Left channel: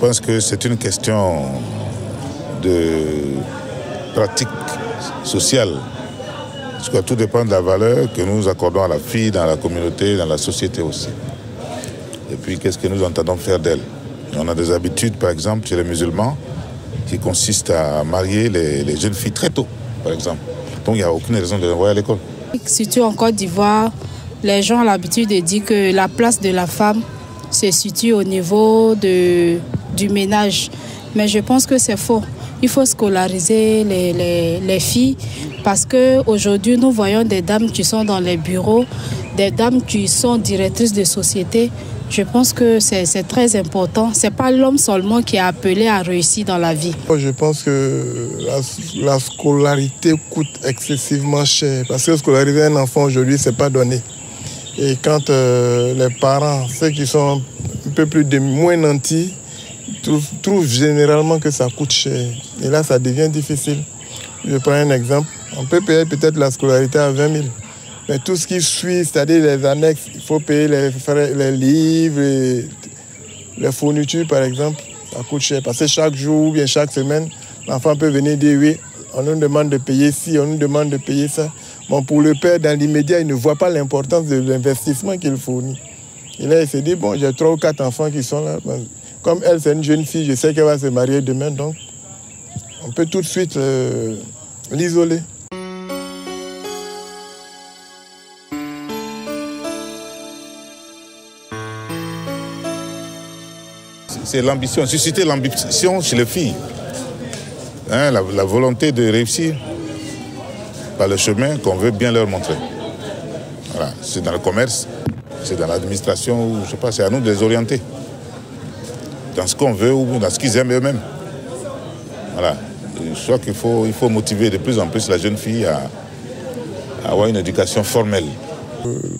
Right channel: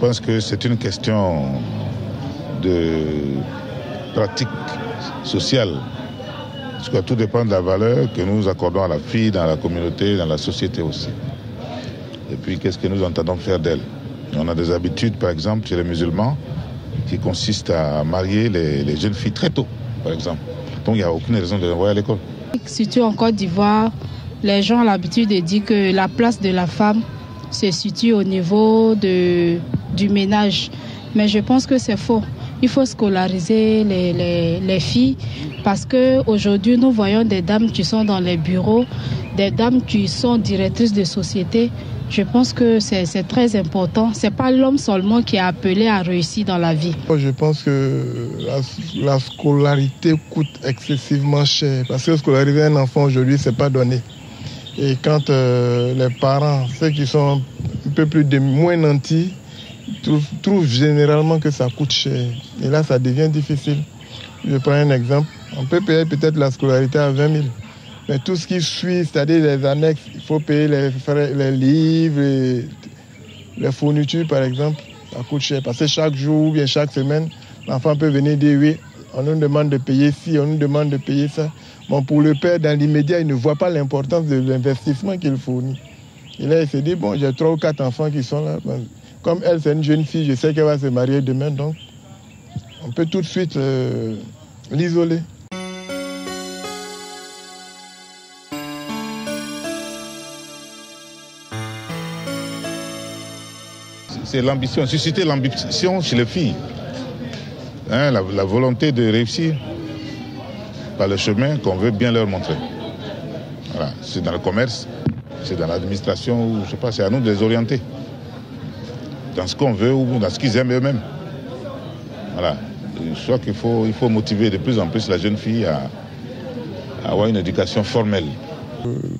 Je pense que c'est une question de pratique sociale. Parce que tout dépend de la valeur que nous accordons à la fille dans la communauté, dans la société aussi. Et puis, qu'est-ce que nous entendons faire d'elle? On a des habitudes, par exemple, chez les musulmans, qui consistent à marier les jeunes filles très tôt, par exemple. Donc, il n'y a aucune raison de les envoyer à l'école. Surtout en Côte d'Ivoire, les gens ont l'habitude de dire que la place de la femme se situe au niveau du ménage. Mais je pense que c'est faux. Il faut scolariser les filles parce qu'aujourd'hui, nous voyons des dames qui sont dans les bureaux, des dames qui sont directrices de société. Je pense que c'est très important. Ce n'est pas l'homme seulement qui est appelé à réussir dans la vie. Je pense que la scolarité coûte excessivement cher. Parce que scolariser un enfant aujourd'hui, ce n'est pas donné. Et quand les parents, ceux qui sont un peu moins nantis, trouvent généralement que ça coûte cher. Et là, ça devient difficile. Je prends un exemple. On peut payer peut-être la scolarité à 20 000. Mais tout ce qui suit, c'est-à-dire les annexes, il faut payer les livres, les fournitures par exemple, ça coûte cher. Parce que chaque jour ou bien chaque semaine, l'enfant peut venir dire oui, on nous demande de payer ci, on nous demande de payer ça. Bon, pour le père, dans l'immédiat, il ne voit pas l'importance de l'investissement qu'il fournit. Et là, il se dit, bon, j'ai 3 ou 4 enfants qui sont là. Bon, comme elle, c'est une jeune fille, je sais qu'elle va se marier demain, donc on peut tout de suite l'isoler. C'est l'ambition, susciter l'ambition chez les filles. Hein, la volonté de réussir par le chemin qu'on veut bien leur montrer. Voilà. C'est dans le commerce, c'est dans l'administration, ou je sais pas, c'est à nous de les orienter. Dans ce qu'on veut ou dans ce qu'ils aiment eux-mêmes. Voilà. Je crois qu'il faut motiver de plus en plus la jeune fille à avoir une éducation formelle.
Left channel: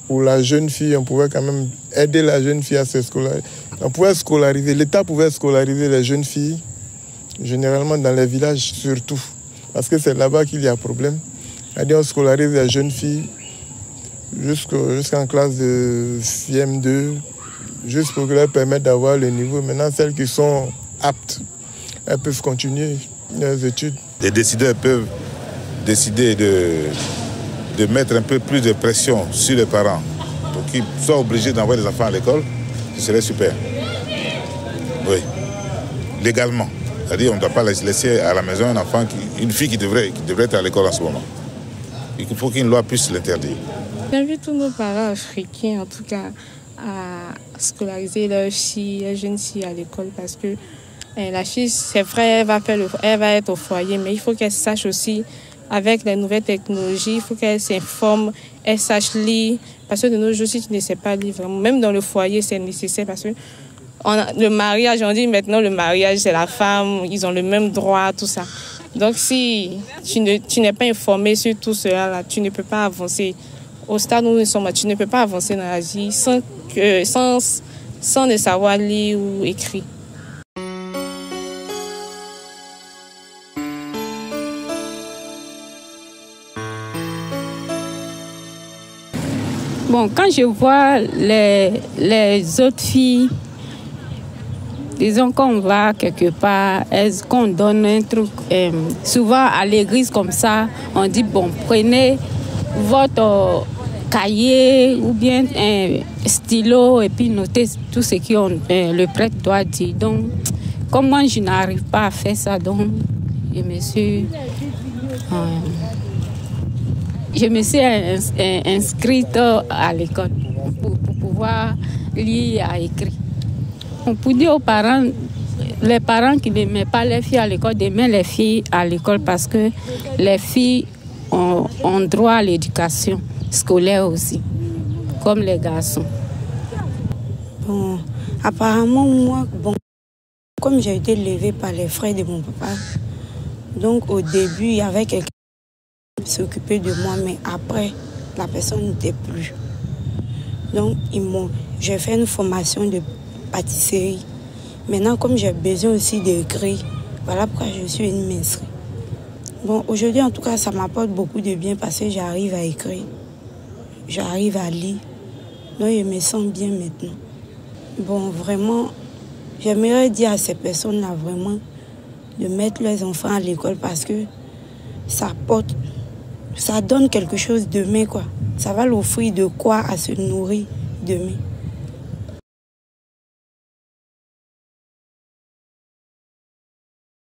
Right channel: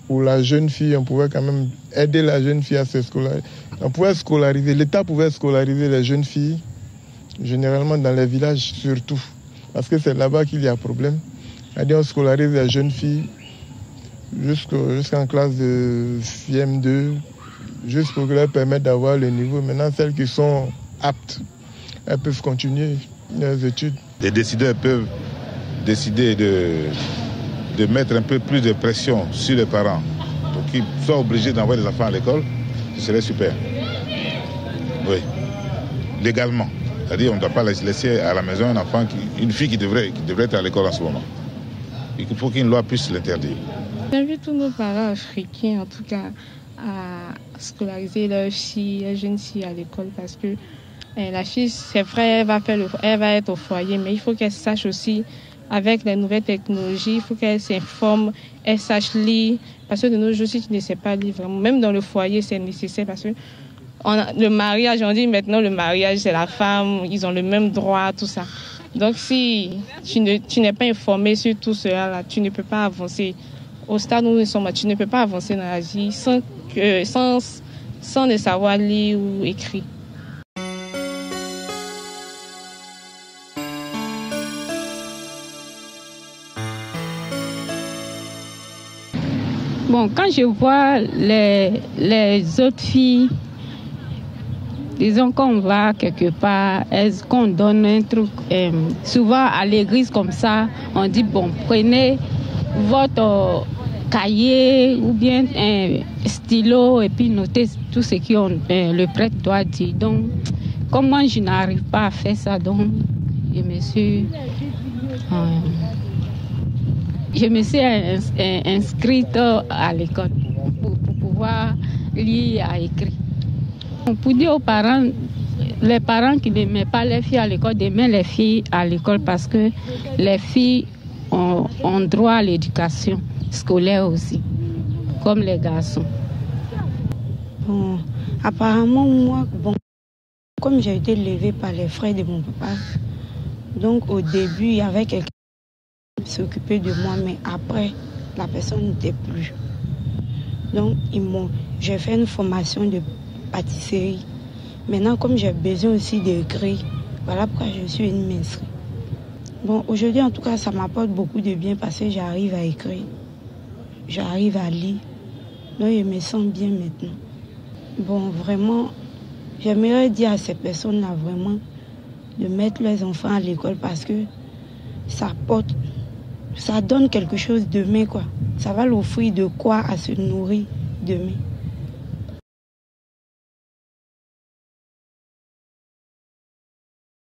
Pour la jeune fille, on pouvait quand même aider la jeune fille à se scolariser. On pouvait scolariser, l'État pouvait scolariser les jeunes filles, généralement dans les villages surtout, parce que c'est là-bas qu'il y a problème. C'est-à-dire on scolarise les jeunes filles jusqu'en classe de CM2, juste pour leur permettre d'avoir le niveau. Maintenant, celles qui sont aptes, elles peuvent continuer leurs études. Les décideurs peuvent décider de mettre un peu plus de pression sur les parents pour qu'ils soient obligés d'envoyer les enfants à l'école. Ce serait super. Oui. Légalement. C'est-à-dire qu'on ne doit pas laisser à la maison un enfant, une fille qui devrait être à l'école en ce moment. Il faut qu'une loi puisse l'interdire. J'invite tous nos parents africains, en tout cas, à scolariser leurs filles, les jeunes filles à l'école parce que la fille, c'est vrai, elle va être au foyer, mais il faut qu'elle sache aussi, avec les nouvelles technologies, il faut qu'elle s'informe, elle sache lire. Parce que de nos jours, si tu ne sais pas lire, vraiment, même dans le foyer, c'est nécessaire parce que le mariage, on dit maintenant le mariage, c'est la femme, ils ont le même droit, tout ça. Donc si tu n'es pas informé sur tout cela, là, tu ne peux pas avancer. Au stade où nous sommes, tu ne peux pas avancer dans la vie sans ne savoir lire ou écrire. Bon, quand je vois les autres filles, disons qu'on va quelque part, qu'on donne un truc, souvent à l'église comme ça, on dit, bon, prenez votre cahier ou bien un stylo et puis notez tout ce que le prêtre doit dire. Donc, comme moi, je n'arrive pas à faire ça, donc je me suis inscrite à l'école pour pouvoir lire et écrire. Pour dire aux parents, les parents qui ne mettent pas les filles à l'école, de mettre les filles à l'école parce que les filles ont droit à l'éducation scolaire aussi, comme les garçons. Bon, apparemment, moi, comme j'ai été élevée par les frères de mon papa, donc au début, il y avait quelqu'un qui s'occupait de moi, mais après, la personne n'était plus. Donc, j'ai fait une formation de pâtisserie. Maintenant, comme j'ai besoin aussi d'écrire, voilà pourquoi je suis une maîtresse. Bon, aujourd'hui, en tout cas, ça m'apporte beaucoup de bien parce que j'arrive à écrire, j'arrive à lire. Donc, je me sens bien maintenant. Bon, vraiment, j'aimerais dire à ces personnes-là vraiment de mettre leurs enfants à l'école parce que ça donne quelque chose demain, quoi. Ça va l'offrir de quoi à se nourrir demain.